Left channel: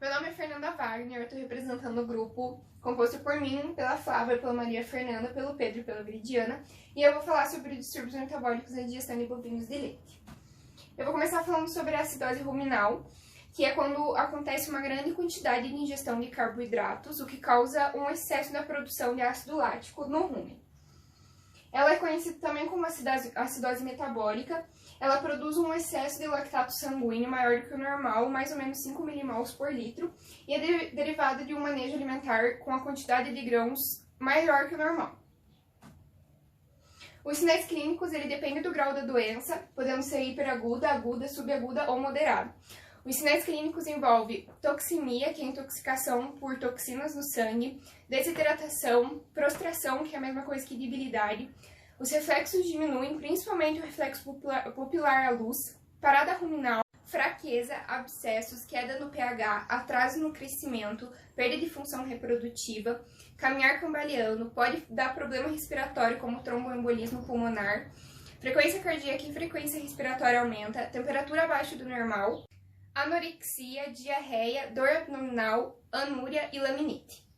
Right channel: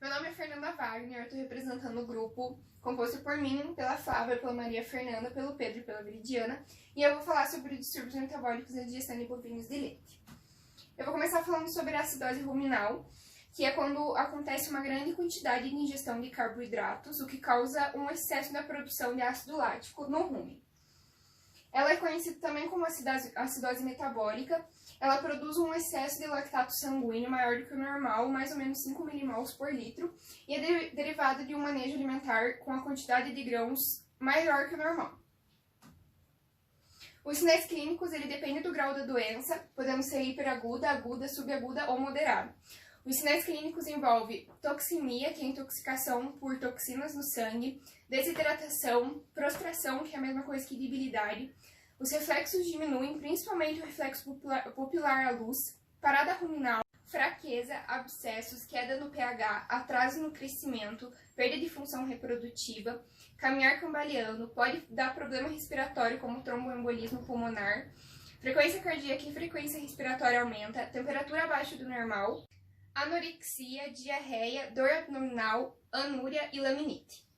Meu nome é Fernanda Wagner, eu estou representando o grupo composto por mim, pela Flávia, pela Maria Fernanda, pelo Pedro e pela Viridiana, e eu vou falar sobre distúrbios metabólicos na digestão de bovinos de leite. Eu vou começar falando sobre a acidose ruminal, que é quando acontece uma grande quantidade de ingestão de carboidratos, o que causa um excesso na produção de ácido lático no rumen. Ela é conhecida também como acidose metabólica. Ela produz um excesso de lactato sanguíneo maior do que o normal, mais ou menos 5 milimols por litro, e é derivada de um manejo alimentar com a quantidade de grãos maior que o normal. Os sinais clínicos dependem do grau da doença, podendo ser hiperaguda, aguda, subaguda ou moderada. Os sinais clínicos envolvem toxemia, que é intoxicação por toxinas no sangue, desidratação, prostração, que é a mesma coisa que debilidade. Os reflexos diminuem, principalmente o reflexo pupilar à luz, parada ruminal, fraqueza, abscessos, queda no pH, atraso no crescimento, perda de função reprodutiva, caminhar cambaleando, pode dar problema respiratório como tromboembolismo pulmonar, frequência cardíaca e frequência respiratória aumenta, temperatura abaixo do normal, anorexia, diarreia, dor abdominal, anúria e laminite.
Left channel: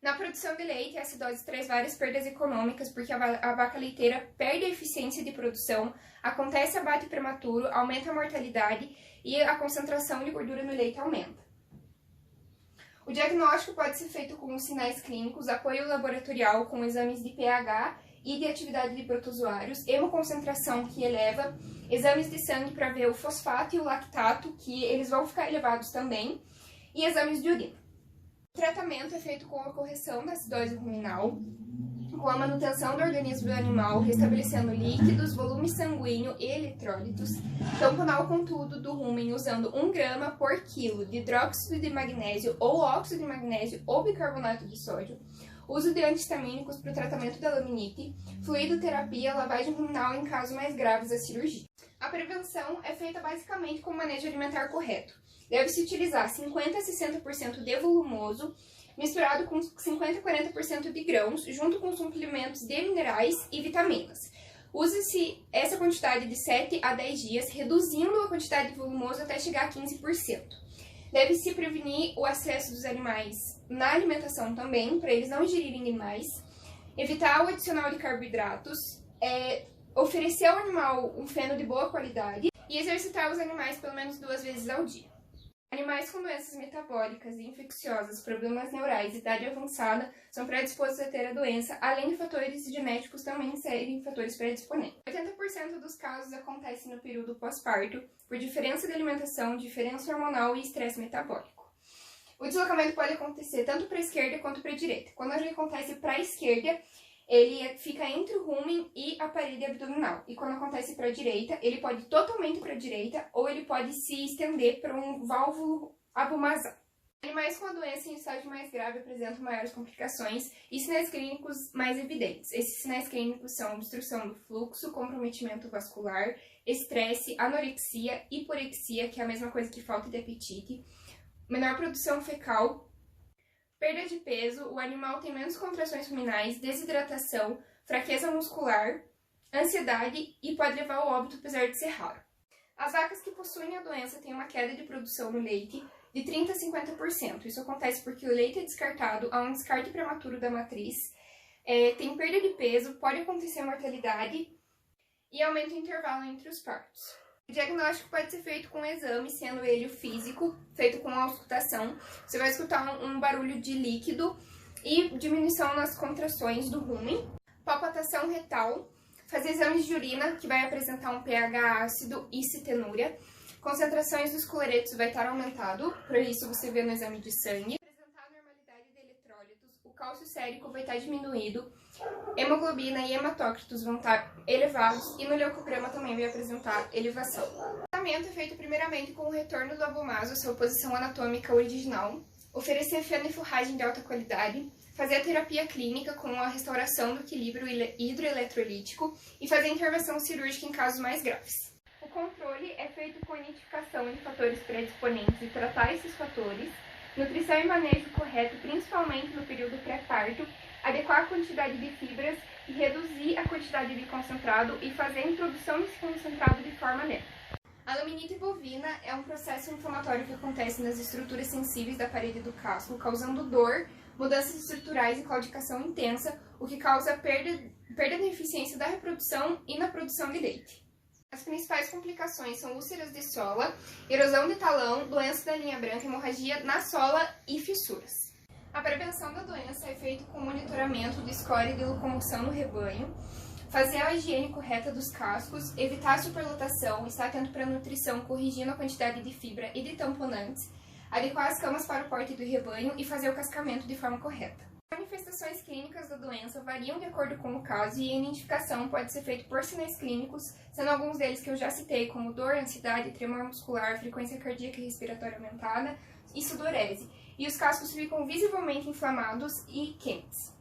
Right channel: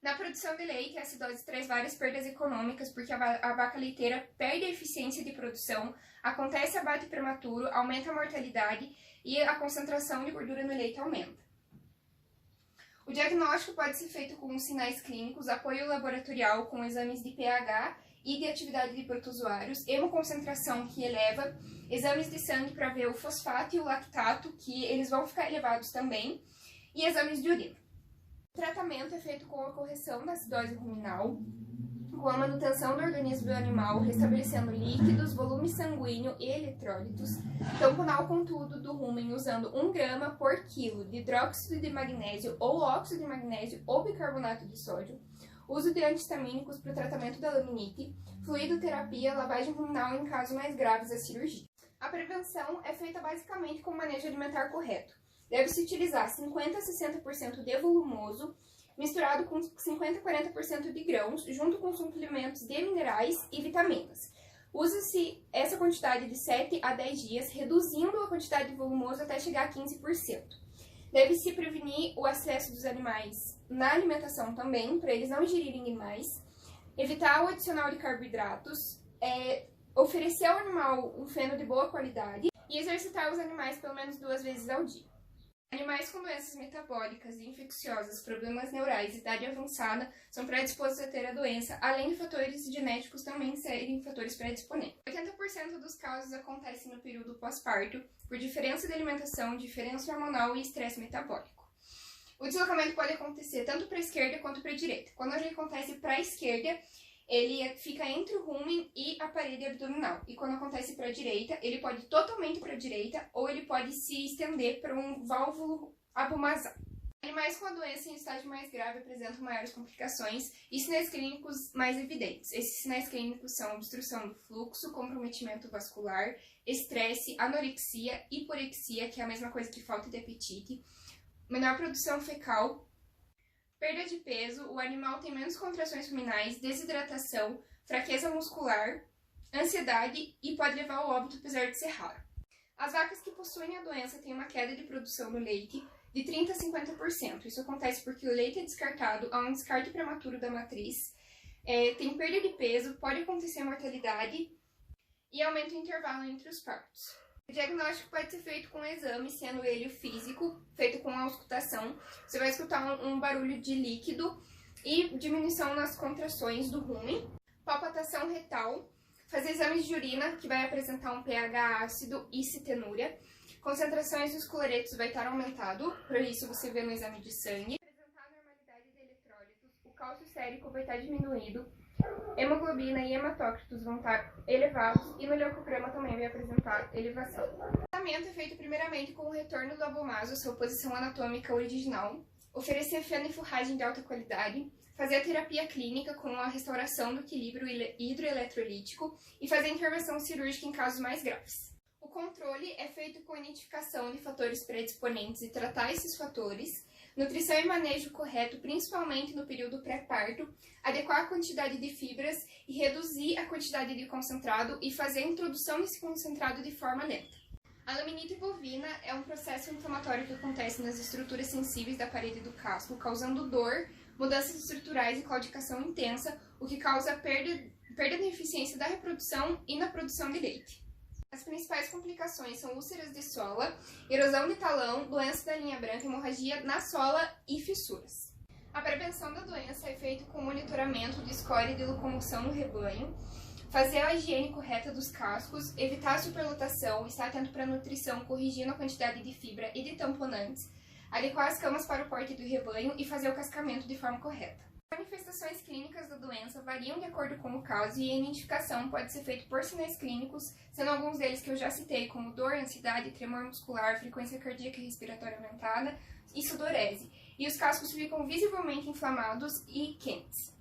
Na produção de leite, a acidose traz várias perdas econômicas, porque a vaca leiteira perde a eficiência de produção, acontece abate prematuro, aumenta a mortalidade e a concentração de gordura no leite aumenta. O diagnóstico pode ser feito com sinais clínicos, apoio laboratorial com exames de pH e de atividade de protozoários, hemoconcentração que eleva, exames de sangue para ver o fosfato e o lactato, que eles vão ficar elevados também, e exames de urina. O tratamento é feito com a correção da acidose ruminal, com a manutenção do organismo do animal, restabelecendo líquidos, volume sanguíneo e eletrólitos, tamponal contudo do rumen usando 1 grama por quilo de hidróxido de magnésio ou óxido de magnésio ou bicarbonato de sódio, uso de antihistamínicos para o tratamento da laminite, fluidoterapia, lavagem ruminal em casos mais graves da cirurgia. A prevenção é feita basicamente com manejo alimentar correto. Deve-se utilizar 50 a 60% de volumoso, misturado com 50 a 40% de grãos, junto com suplementos de minerais e vitaminas. Use-se essa quantidade de 7 a 10 dias, reduzindo a quantidade de volumoso até chegar a 15%. Deve-se prevenir o acesso dos animais na alimentação também, para eles não ingerirem demais. Evitar o adicional de carboidratos, oferecer ao animal um feno de boa qualidade e exercitar os animais pelo menos 2 vezes ao dia. Animais com doenças metabólicas e infecciosas, problemas neurais e idade avançada são predispostos a ter a doença, além de fatores genéticos também serem fatores predisponentes. 80% dos casos acontecem no período pós-parto, por diferença de alimentação, diferença hormonal e estresse metabólico. O deslocamento pode acontecer tanto para a esquerda quanto para a direita. Quando ele acontece para a esquerda, ele fica entre o rumen e a parede abdominal. E quando acontece para a direita, ele pode ir totalmente para a direita ou ele pode se estender para um válvulo abumazar. Animais com a doença em estágio mais grave apresentam maiores complicações e sinais clínicos mais evidentes. Esses sinais clínicos são obstrução do fluxo, comprometimento vascular, estresse, anorexia, hiporexia, que é a mesma coisa que falta de apetite, menor produção fecal, perda de peso, o animal tem menos contrações ruminais, desidratação, fraqueza muscular, ansiedade e pode levar ao óbito apesar de ser raro. As vacas que possuem a doença têm uma queda de produção no leite de 30% a 50%. Isso acontece porque o leite é descartado, há um descarte prematuro da matriz, tem perda de peso, pode acontecer mortalidade e aumenta o intervalo entre os partos. O diagnóstico pode ser feito com exame, sendo ele o físico, feito com auscultação. Você vai escutar um barulho de líquido e diminuição nas contrações do rumen. Palpatação retal, fazer exames de urina, que vai apresentar um pH ácido e citenúria. Concentrações dos cloretos vai estar aumentado, por isso você vê no exame de sangue. Apresentar a normalidade de eletrólitos, o cálcio sérico vai estar diminuído. Hemoglobina e hematócritos vão estar elevados e no leucograma também vai apresentar elevação. O tratamento é feito primeiramente com o retorno do abomaso à sua posição anatômica original, oferecer feno e forragem de alta qualidade, fazer a terapia clínica com a restauração do equilíbrio hidroeletrolítico e fazer a intervenção cirúrgica em casos mais graves. O controle é feito com a identificação de fatores predisponentes e tratar esses fatores, nutrição e manejo correto, principalmente no período pré-parto, adequar a quantidade de fibras e reduzir a quantidade de concentrado e fazer a introdução desse concentrado de forma lenta. A laminite bovina é um processo inflamatório que acontece nas estruturas sensíveis da parede do casco, causando dor, mudanças estruturais e claudicação intensa, o que causa perda da eficiência da reprodução e na produção de leite. As principais complicações são úlceras de sola, erosão de talão, doença da linha branca, hemorragia na sola e fissuras. A prevenção da doença é feita com monitoramento de escória e de locomoção no rebanho, fazer a higiene correta dos cascos, evitar a superlotação, estar atento para a nutrição, corrigindo a quantidade de fibra e de tamponantes, adequar as camas para o porte do rebanho e fazer o cascamento de forma correta. As manifestações clínicas da doença variam de acordo com o caso e a identificação pode ser feita por sinais clínicos, sendo alguns deles que eu já citei, como dor, ansiedade, tremor muscular, frequência cardíaca e respiratória aumentada e sudorese. E os cascos ficam visivelmente inflamados e quentes.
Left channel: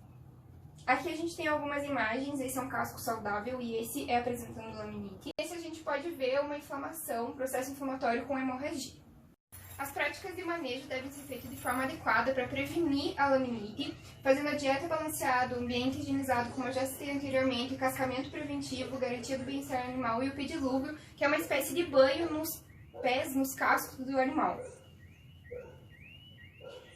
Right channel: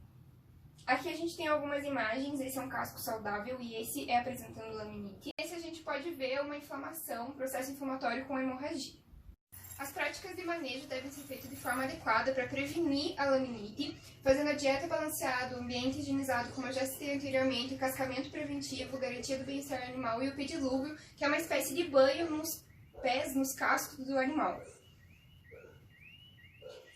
Aqui a gente tem algumas imagens, esse é um casco saudável e esse é apresentando laminite. Nesse a gente pode ver uma inflamação, um processo inflamatório com hemorragia. As práticas de manejo devem ser feitas de forma adequada para prevenir a laminite, fazendo a dieta balanceada, o ambiente higienizado, como eu já citei anteriormente, cascamento preventivo, garantia do bem-estar animal e o pedilúvio, que é uma espécie de banho nos pés, nos cascos do animal.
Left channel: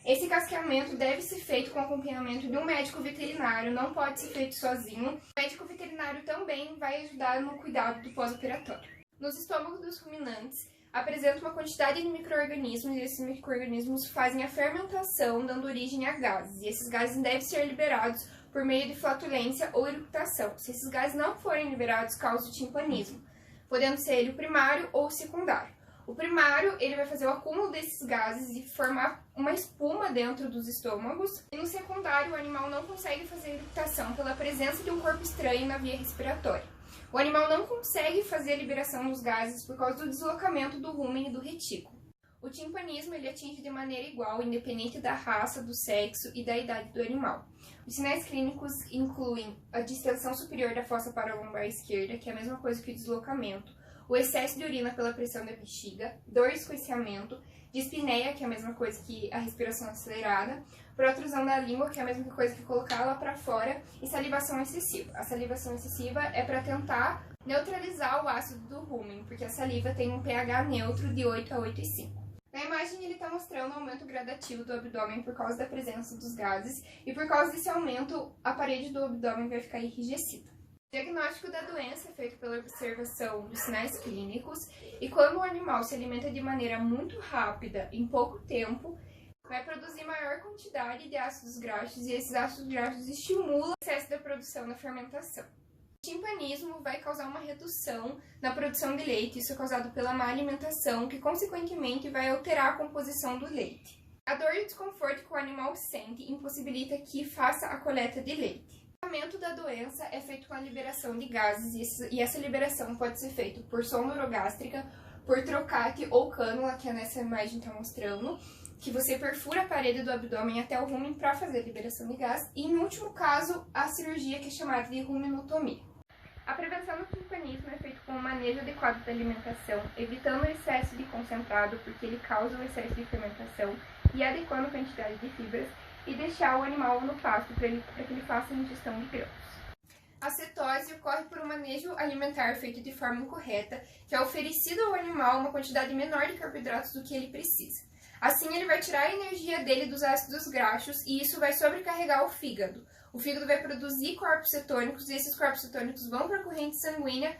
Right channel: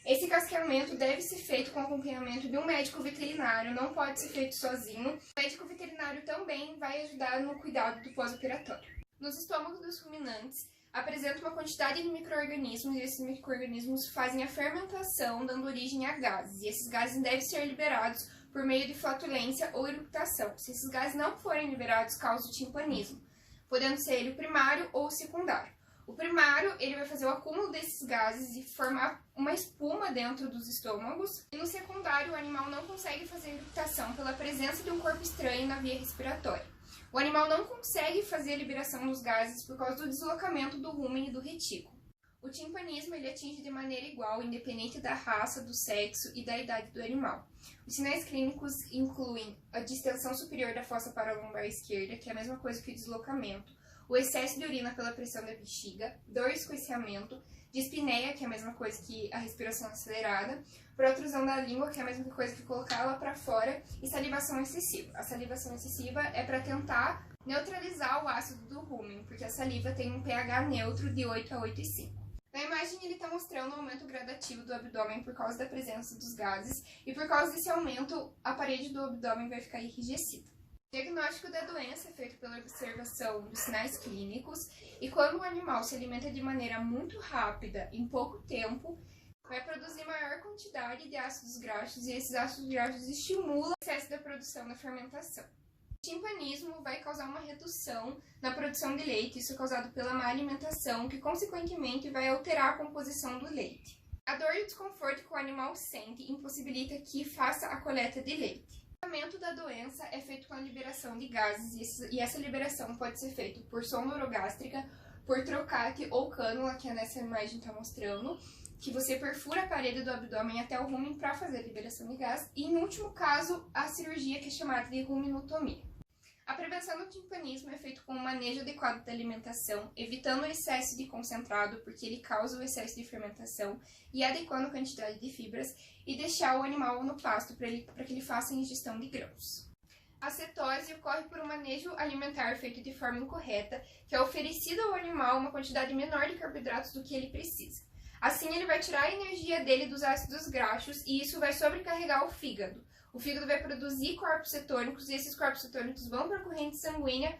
Esse casqueamento deve ser feito com acompanhamento de um médico veterinário, não pode ser feito sozinho. O médico veterinário também vai ajudar no cuidado do pós-operatório. Nos estômagos dos ruminantes, apresenta uma quantidade de micro-organismos e esses micro-organismos fazem a fermentação, dando origem a gases. E esses gases devem ser liberados por meio de flatulência ou eructação. Se esses gases não forem liberados, causa o timpanismo, podendo ser ele o primário ou o secundário. O primário, ele vai fazer o acúmulo desses gases e formar uma espuma dentro dos estômagos. E no secundário, o animal não consegue fazer a eructação pela presença de um corpo estranho na via respiratória. O animal não consegue fazer a liberação dos gases por causa do deslocamento do rúmen e do retículo. O timpanismo, ele atinge de maneira igual, independente da raça, do sexo e da idade do animal. Os sinais clínicos incluem a distensão superior da fossa paralombar esquerda, que é a mesma coisa que o deslocamento, o excesso de urina pela pressão da bexiga, dor e escoiciamento, dispneia, que é a mesma coisa que a respiração acelerada, protrusão da língua, que é a mesma coisa que colocar ela para fora, e salivação excessiva. A salivação excessiva é para tentar neutralizar o ácido do rúmen, porque a saliva tem um pH neutro de 8 a 8,5. Na imagem ele está mostrando o aumento gradativo do abdômen por causa da presença dos gases, e por causa desse aumento, a parede do abdômen vai ficar enrijecida. O diagnóstico da doença é feito pela observação dos sinais clínicos e quando o animal se alimenta de maneira muito rápida, em pouco tempo, vai produzir maior quantidade de ácidos graxos e esses ácidos graxos estimulam o excesso da produção da fermentação. O timpanismo vai causar uma redução na produção de leite, isso é causado pela má alimentação, que consequentemente vai alterar a composição do leite. A dor e o desconforto que o animal sente impossibilita que faça a coleta de leite. O tratamento da doença é feito com a liberação de gases e essa liberação pode ser feita por sonda orogástrica, por trocate ou cânula, que nessa imagem está mostrando, que você perfura a parede do abdômen até o rúmen para fazer a liberação de gás, e em último caso, a cirurgia que é chamada de rumenotomia. A prevenção do timpanismo é feita com um manejo adequado da alimentação, evitando o excesso de concentrado, porque ele causa o excesso de fermentação, e adequando a quantidade de fibras, e deixar o animal no pasto para que ele faça a ingestão de grãos. A cetose ocorre por um manejo alimentar feito de forma incorreta, que é oferecido ao animal uma quantidade menor de carboidratos do que ele precisa. Assim, ele vai tirar a energia dele dos ácidos graxos e isso vai sobrecarregar o fígado. O fígado vai produzir corpos cetônicos e esses corpos cetônicos vão para a corrente sanguínea,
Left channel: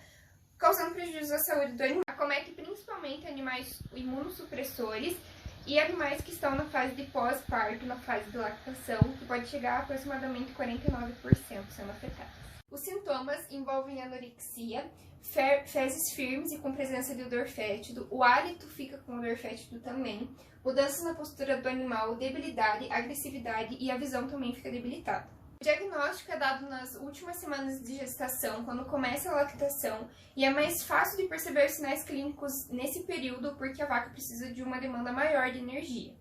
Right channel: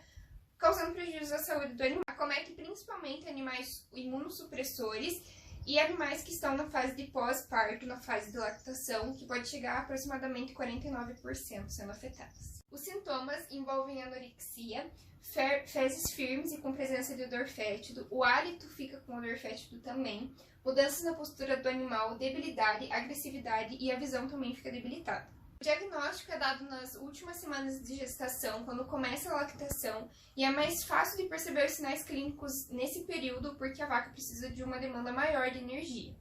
causando prejuízo à saúde do animal. Acomete principalmente animais imunossupressores e animais que estão na fase de pós-parto, na fase de lactação, que pode chegar a aproximadamente 49% sendo afetadas. Os sintomas envolvem anorexia, fezes firmes e com presença de odor fétido, o hálito fica com odor fétido também, mudanças na postura do animal, debilidade, agressividade e a visão também fica debilitada. O diagnóstico é dado nas últimas semanas de gestação, quando começa a lactação, e é mais fácil de perceber os sinais clínicos nesse período porque a vaca precisa de uma demanda maior de energia.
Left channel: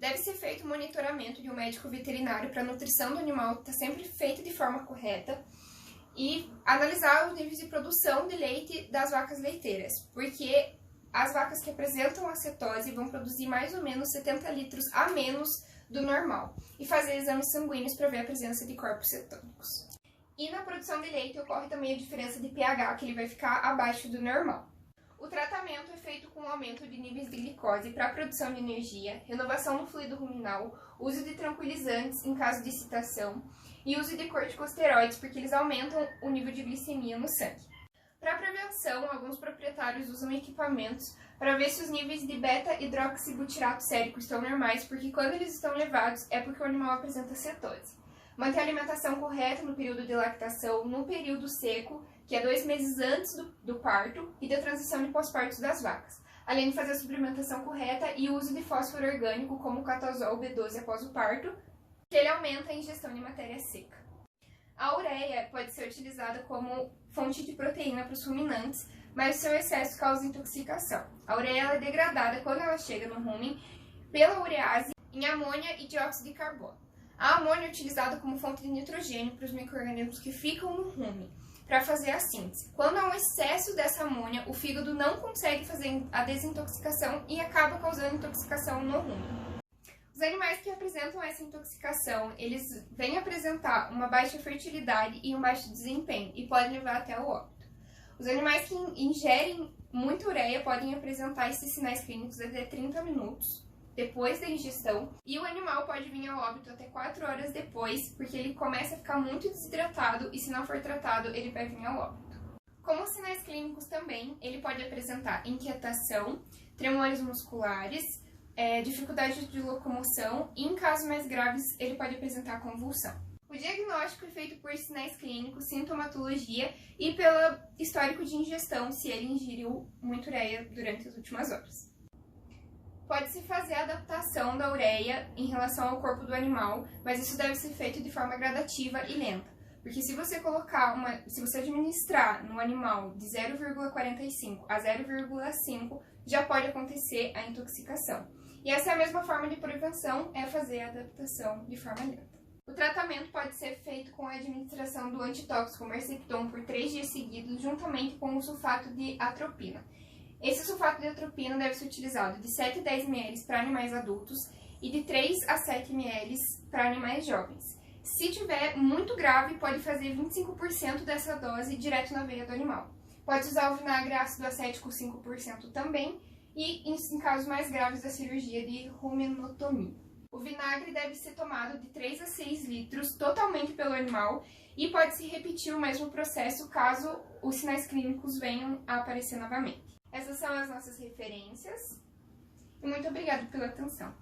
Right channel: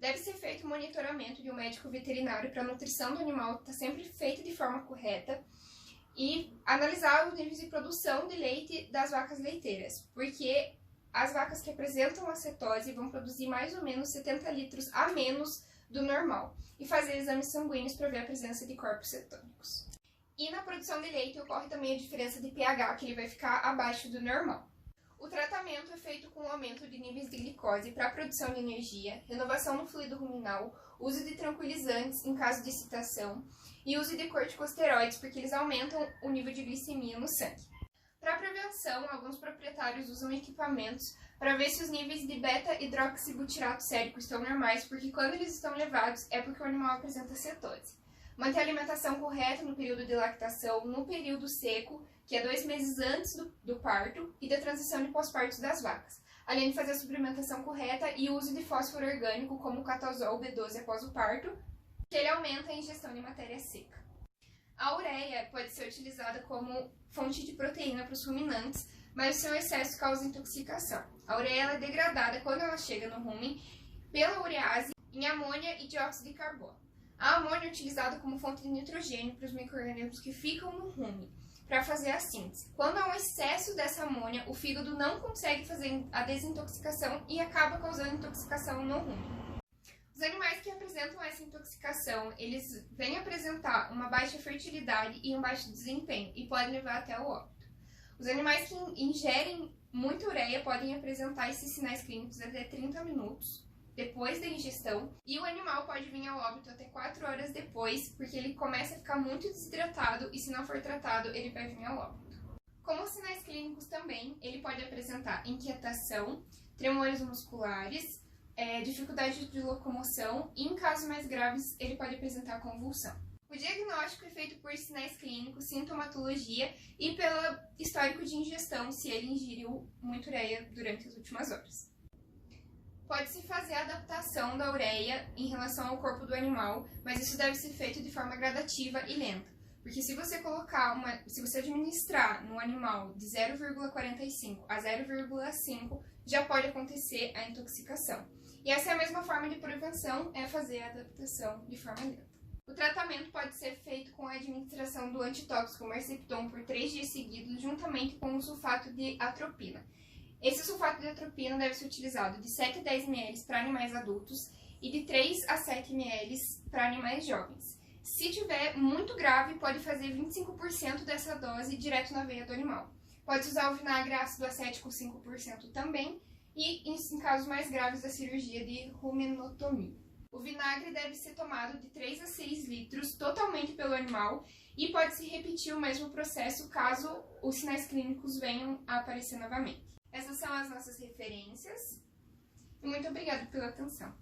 Deve ser feito monitoramento de um médico veterinário para a nutrição do animal estar sempre feita de forma correta e analisar os níveis de produção de leite das vacas leiteiras, porque as vacas que apresentam a cetose vão produzir mais ou menos 70 litros a menos do normal, e fazer exames sanguíneos para ver a presença de corpos cetônicos. E na produção de leite ocorre também a diferença de pH, que ele vai ficar abaixo do normal. O tratamento é feito com aumento de níveis de glicose para a produção de energia, renovação no fluido ruminal, uso de tranquilizantes em caso de excitação e uso de corticosteroides porque eles aumentam o nível de glicemia no sangue. Para prevenção, alguns proprietários usam equipamentos para ver se os níveis de beta-hidroxibutirato sérico estão normais, porque quando eles estão elevados é porque o animal apresenta cetose. Manter a alimentação correta no período de lactação, no período seco, que é 2 meses antes do parto e da transição de pós-parto das vacas, além de fazer a suplementação correta e o uso de fósforo orgânico como o catazol B12 após o parto, que ele aumenta a ingestão de matéria seca. A ureia pode ser utilizada como fonte de proteína para os ruminantes, mas o seu excesso causa intoxicação. A ureia ela é degradada quando ela chega no rumen pela urease em amônia e dióxido de carbono. A amônia é utilizada como fonte de nitrogênio para os micro-organismos que ficam no rumen, para fazer a síntese. Quando há um excesso dessa amônia, o fígado não consegue fazer a desintoxicação e acaba causando intoxicação no rumen. Os animais que apresentam essa intoxicação, eles vêm apresentar uma baixa fertilidade e um baixo desempenho e podem levar até o óbito. Os animais que ingerem muita ureia podem apresentar esses sinais clínicos até 30 minutos depois da ingestão e o animal pode vir ao óbito até 4 horas depois, porque ele começa a ficar muito desidratado e se não for tratado, ele vai vir ao óbito. Como sinais clínicos também, ele pode apresentar inquietação, tremores musculares, dificuldade de locomoção e, em casos mais graves, ele pode apresentar convulsão. O diagnóstico é feito por sinais clínicos, sintomatologia e pelo histórico de ingestão, se ele ingeriu muita ureia durante as últimas horas. Pode-se fazer a adaptação da ureia em relação ao corpo do animal, mas isso deve ser feito de forma gradativa e lenta. Porque se você administrar no animal de 0,45 a 0,5, já pode acontecer a intoxicação. E essa é a mesma forma de prevenção, é fazer a adaptação de forma lenta. O tratamento pode ser feito com a administração do antitóxico Merceptom por 3 dias seguidos, juntamente com o sulfato de atropina. Esse sulfato de atropina deve ser utilizado de 7 a 10 ml para animais adultos e de 3 a 7 ml para animais jovens. Se tiver muito grave, pode fazer 25% dessa dose direto na veia do animal. Pode usar o vinagre ácido acético 5% também e em casos mais graves da cirurgia de rumenotomia. O vinagre deve ser tomado de 3 a 6 litros totalmente pelo animal e pode-se repetir o mesmo processo caso os sinais clínicos venham a aparecer novamente. Essas são as nossas referências e muito obrigada pela atenção.